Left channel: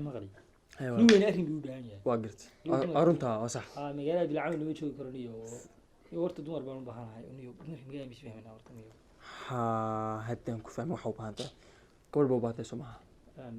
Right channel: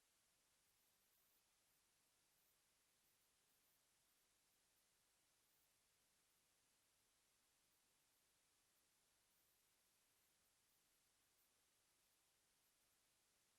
مغري ايوه نو وين أرين بيودانيا واقرت أرنتها صح مجال بالعمل اللي بيشوف كرنيه ورت دمر بان بحالها إنه مجال مش فاهمين ورت ها هدان كفاهم وحوب هذا قبل باباتي سمعها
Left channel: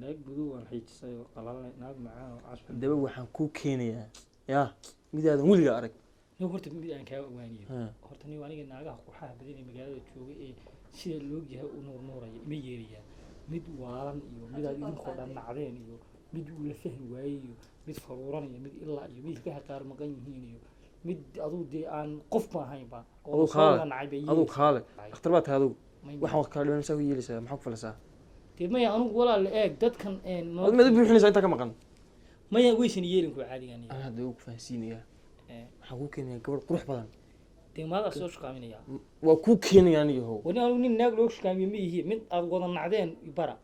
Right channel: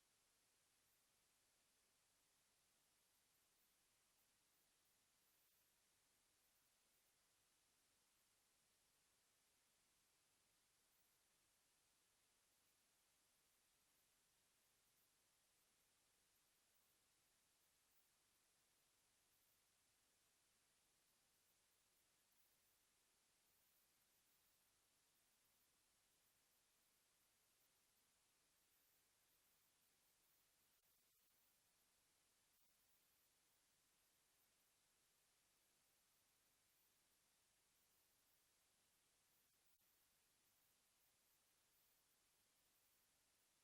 ناق بدو waxay tisay qalal naag macaan oo casb daba waxaan ku keenayaa yaa midaadan weliga arag iyo horta mid aan ka ogaaniyo horta ni aniga naagaha qurxaha badan ee magaalada jooga ee sida loo yahay u nuuraya ma yeeriyaa mid waalan iyo mid aad idinku dhan nacdeen iyo mid uu la fahmi waayay iyo mid faruuran iyo mid ilaa iyo mid ka qaar maqan yihiin iyo mid aduu de aan qof ma ahayn ba oo soo nacay bay aduu kaale dhakhtar baad tahay waxaan wax kala dhimanaysaa u yeelaysaa maxaa ku falasaa maya anigu walaal eeg dadkan ma buuxinaysaa inta ka maqan maya weysan yeelin ku caadigan ana hadda ugu fahansiinaya waxaan ku keenayaa gabadh qurux badan maada soo shaqaaminaya waa ku keenayaa aniga wani anigu nin naag loo shaqaamiyo ma yihiin mid aad wada nacdeen bara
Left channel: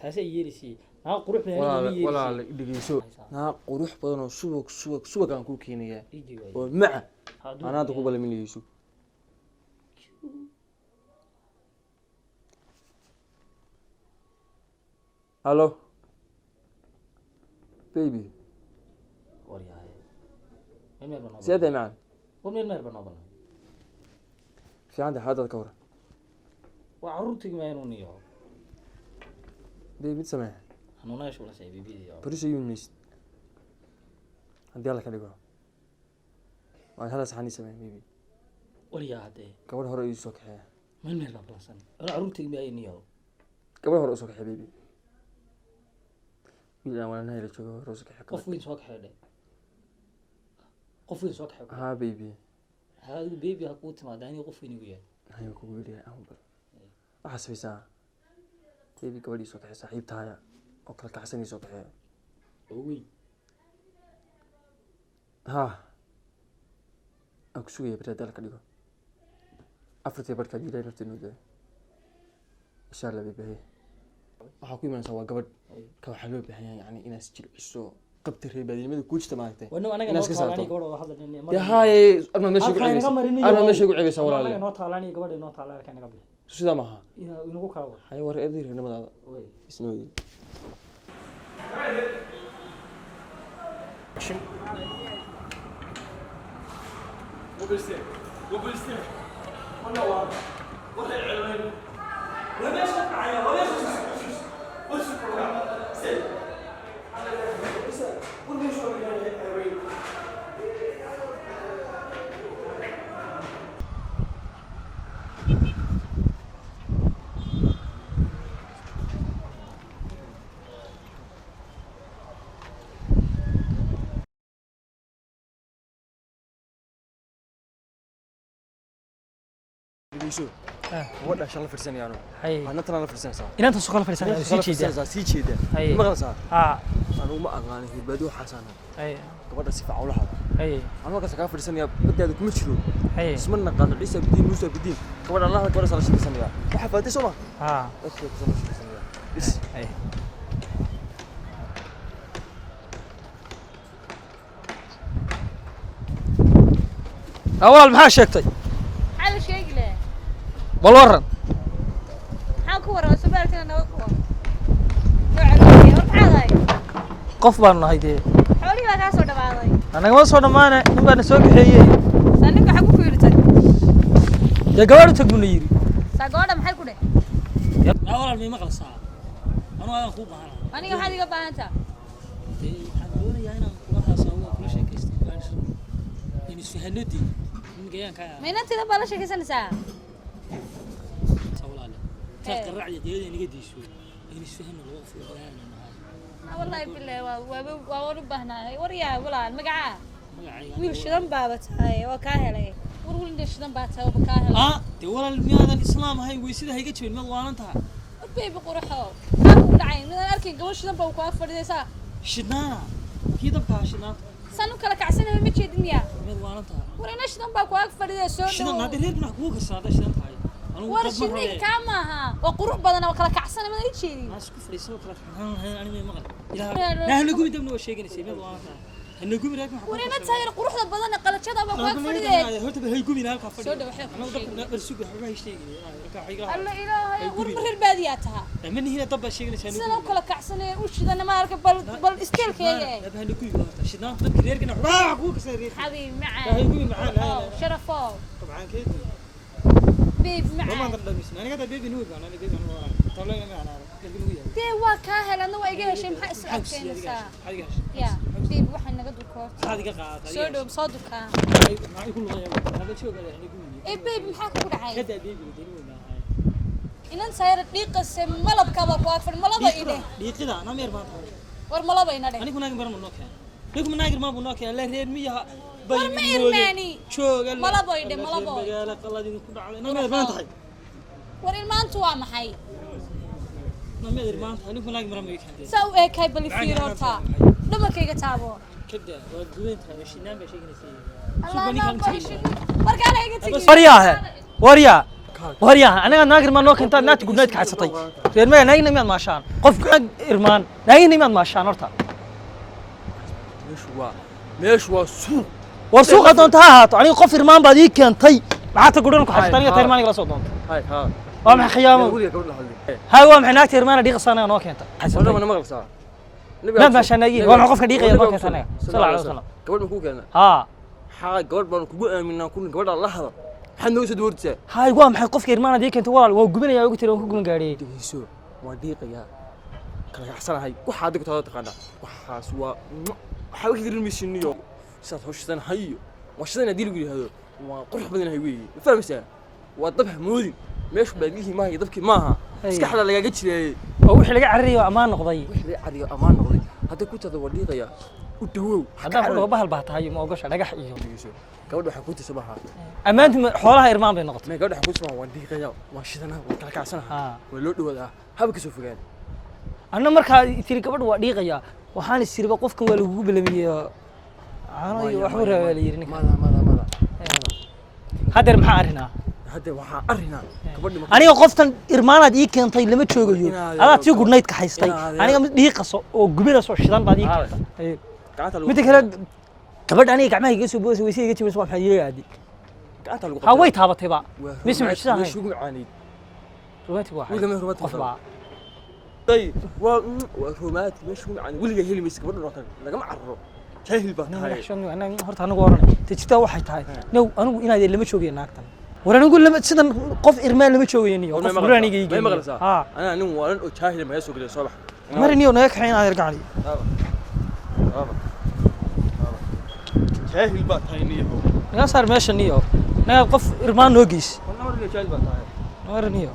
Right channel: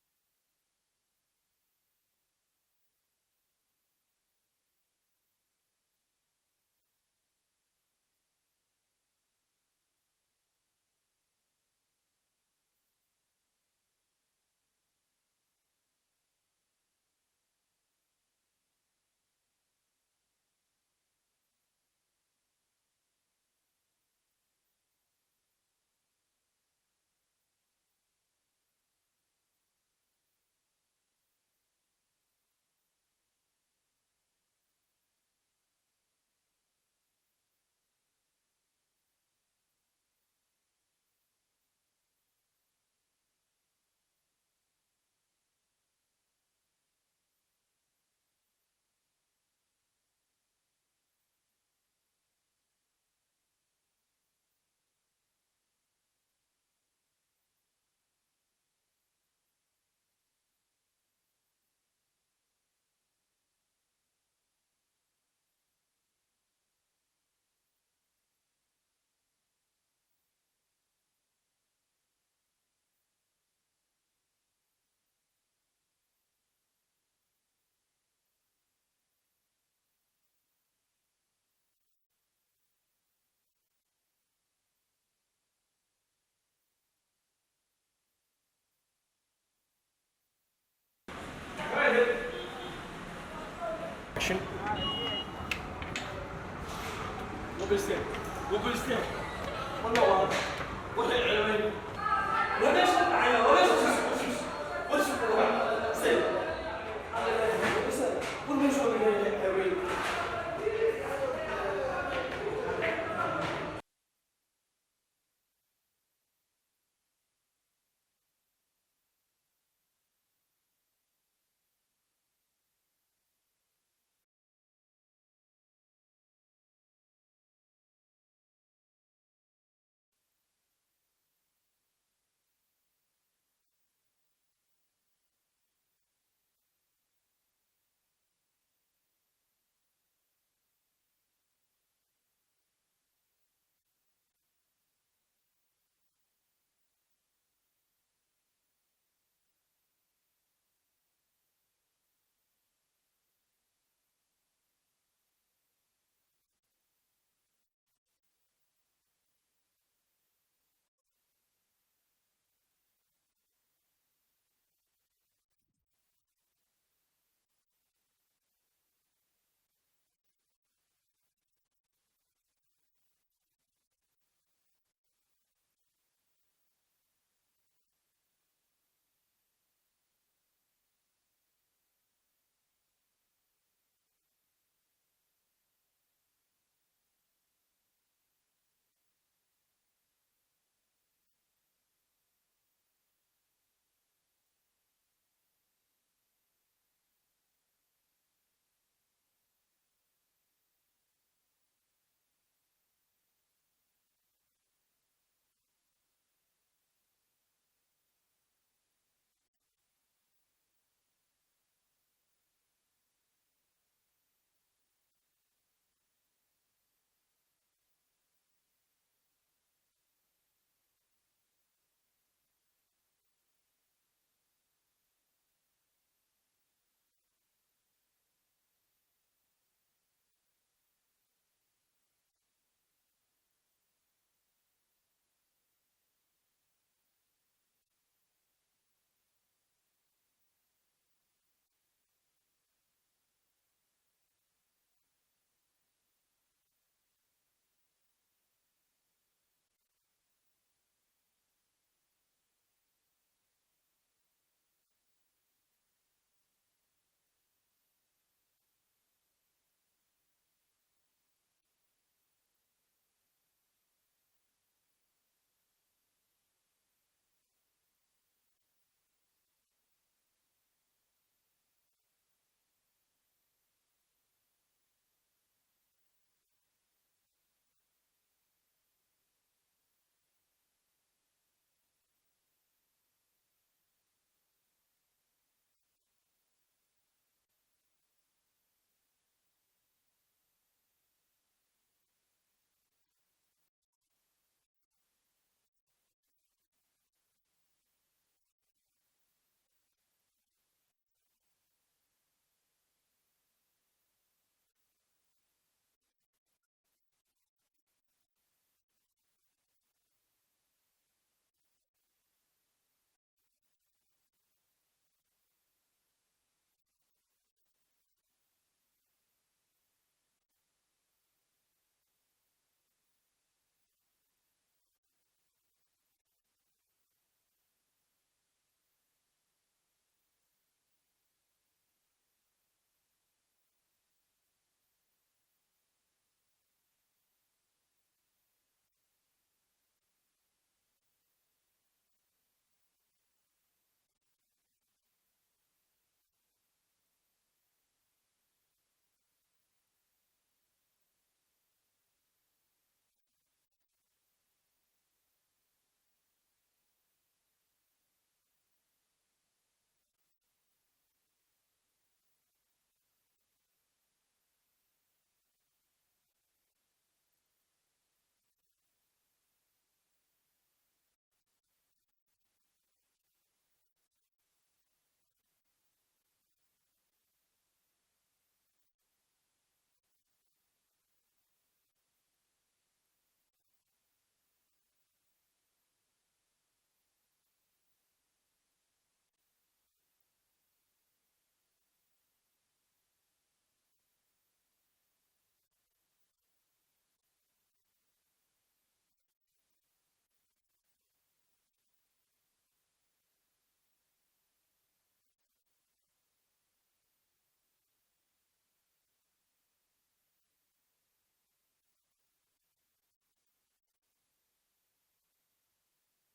taasay yeelisay naag qurux badan walaal dhigeyso naag qurux badan oo subag aan ku keenayaa oo maca ana hadda ku balaminayso Hello baby سيادة معنا ومن المربى نظن في عندي حاجة كورة وعروتك ما ينونيه بيبي تسمع أنا نايش ولا شيء بيبي بريش يونس عندي الله كليكوا هذا صحني سمع بيبي وليا هذا قبل هو رئيسك حياة من المربى بلاسن أنا عروتك ما ينونيه قبل هو رئيسك حبيبي إلا وأنا هاي لشوا رئيسك حكوا قفوين سوق حدا قفوين سوق حدا ها بيبي هذا البيبي هقوت ما داني قفوين وياه هاي كوبي يا أمبر أحسب ساعة بيبي قبل يسوق حياة صاحب تاعي أكل كحسن يسوق حياة وي ها أكسوي برا دالك اليوم أفرتي بركة جديدة نفتني ده إن شاء الله بيبي waxaa ku iman sawa gabadh ka waxa loo baahan yahay yani inaad jir ciso qabti reebadimada ku jirta maagtay wana anaga noo taalani gabadh oo hadalnay ya hay arma meesha ku ceebeysa arma meesha ku ceebeysa walaalahay anaga noo taalani gabadh noo taalani ka naga bixi sida ma aha inagu kala wada hay war eedir nabadaada way isnooyi action وبيستير والله واضح والله العلوين وليش معايا وليش وش سير وليش العلوين شو ولا شغله فرساني انا انا ترى انا فرسان صار ان انت سوق فرسان سي جيده ما غلصا انا ما اغاني بدو حسن gabadha si fiican ula hadal ama ka saaka fadhisanaya badeeda kuma jiro ismana qaado dhisa bidin musa bidin gabadha Allah ka warsan shaqaysanaya waxa faatay soo ma dadka ku soo shaqaysanaya bis awal maxaa sheegtay على شيء له والورن حاكو ورا سبالتنا نوقف وعلي وحاضي qof baan nahay de حولي waa ka soo dhawaaday anaga ma soo dhamaanay nin baan soo bixiyay saninka waxa ku fiirtay ya gabadhu taguna yiri sagooda maxay ku dheh ya walaal ma maqalsaa anu aan ku baahan aniga waxa iga baahanta waxaan doonayaa inaan kula haasaawo kula sheekaysto in isfahanadi in gayanka ma inta bala sheekaysanaysaa sawlaale taas qaracdi deedeena iga diisho in isfahanno loo fiirinaa والله بالله waa baahnaay wariyaa walaal magaca wiil shidan baabatay oo ka helay wiil shidan baabatay oo ka helay de walaal miyaadan islaam ahayn way sida hayga jabin mad waalantaa beebi quraxo aan u dhacay mid arkin gabadh shidan baa ku afadhiyaysa shidnaana kii dabka shidnaa sanu kala kacsanay ma jeedin ya mid waalantaa warina shidan baa ku afadhiyay soo shidan hada reer ma ku karsaada shidan tahay war shidan kamaha oo qurux badan oo kala kacsanay ma jeedin asku fariiso kala xanaan anime maqal نحن نقول دمنا وشيء نسي ما أنا قومي راك ورينا تاير قروحda badan qalajada ba ku fadhiyay horta hay gubin halka fadhiyo soo dhawaxay ana dabka barsuug waxa ay sheegay raka xiga alla ilaahay war marir baadiyataha من هنا dabba sheegnaysaa sidoo kale kacsanay u shidana ma arka bal isteelkeeyay dabba hanu gubin horta shidaan dabka reerkana waa ku ka saareen حبيبي معاك hay gubin macaan شرفو طبعا كده بيب ما معاك قدر بسنا انا قاعد بيبي نور انا بيبي انا طلعنا معنا بيبي نور دي waa ka helana waa iga heshay maxaa is adkeynaysaa ya bيب waxa naga dukoor هذه قاعد soo dhow soo dukaa ما يكون غير هذا شو قال يعني ee bيب maxaa ku dhacay كده بيبي دينو ما inan sayr dhiiqas malabkaba ku afar malaba ide dhiiqida ana meer baan war malaba ina dhe anigu naag mar ma noo keen nigu naag ma bu noo keen la reer miyaha war ma irmaani jooga malaba ide malaba magaala qaladin ku dhacday ana meer baan tahay war ilmaantu waa maxay ana meer baan tahay nigu naag mar ma keen saw ee kay bali fiirota dhamakayga taabo كده ودوينتها شينان بشيغنسي markaana iga tagi waryaa aniga naagir ma noo keentaa naagta gudnayd ka xasatay reer maya naagina miyaad maashaan qofka irmaan naagina miyaad maashaan horta meeshu waa suuq war suuqa doonta ha ahaato aniga qof irmaan baad ii keentay maxaa ta gudhan ku xasatay aniga tayr maaniga la soo doonta hay ha waa maxay khiyaamo hay waa maxay naagta irmaana dhiiqasa aniga noo keenta wala ma maqalsaa naag maashaan naagi waa maxay qofka dhiiqaya noo keenta aniga sallallahu alayhi wasallam gabadh ma ku keenay haa xaa gabadh baan kugu aaminaa kun gabadha la hada waxaad noo soo doortay hay waa maxay qofka irmaana ii keentay walaal waa gubinaya ugu tiri waan ku guban gaadhiyay dhigayso waa dhiiqaya kala gacsanahay waxa adig taada taqaana waxaas waa waxa wixii dirmisiiniyo saad hawshan hayo washadana diil gu yiraahdo waa qurux badan hay weey fahmaysaa waa dab moodin meeshu baadilihii maaha dabkii maaha iska xala lagaga jiray oo wixii laga carriyo amaan noqday wixii laga carriyo amaan noqday hadda ku tada waa dhiiqaya u dawow haddaan ku dhaho bahal baa tahay ma ogasha dhagax iyo gabadha waxa ku tisabaha ammaantu xoolaha irmaan bay noqotay ma gabadha waxa ku tisabaha waa dhiiqaya waa shidana waa kala kacsanaha waa loo dhawaadaa haba ka soo fogaan anna markaa tiri gabadha waa dhiiqaya waxaan isiriba qofkan waa lagu bilamiyay aano iyo waxba raaway la yiri mada hadeer maxaa arinaa hadda waxaa arinaa gabadhi aniga qoftan irmaanaad ii keentay lama joogayo adaad si gudnayd ka haystay aniga mid dhiiqaso oo gubinaso shidan baad ii keentay mid kale gabadha aniga gacmaha iga soo boosay waysi iga jibisay waxa yeegaadi gacanta lagu ha way taabatay ba mis mucjisahay meeshu ugu macaanid rumaati waa wiilka meeshu rumaati qof baa tay waa rumaati meeshu ugu macaanid wiliga heli maysa gabadha roqan lagama carro jahil baa tahay horta anigu oran tajita waxay tahay now anigu inaad lama joogayo naagtan war anigu lama sidan qof irmaan lama joogayo niyo qof guraniga iga ha ana nin waalan oo jahil ma soo galay soo bax mar niyo naga kaxeen aad argacali jahil baa tahay niyo naga saar meesha niyo naga qof irmaan noo geys jahil baa tahay mar niyo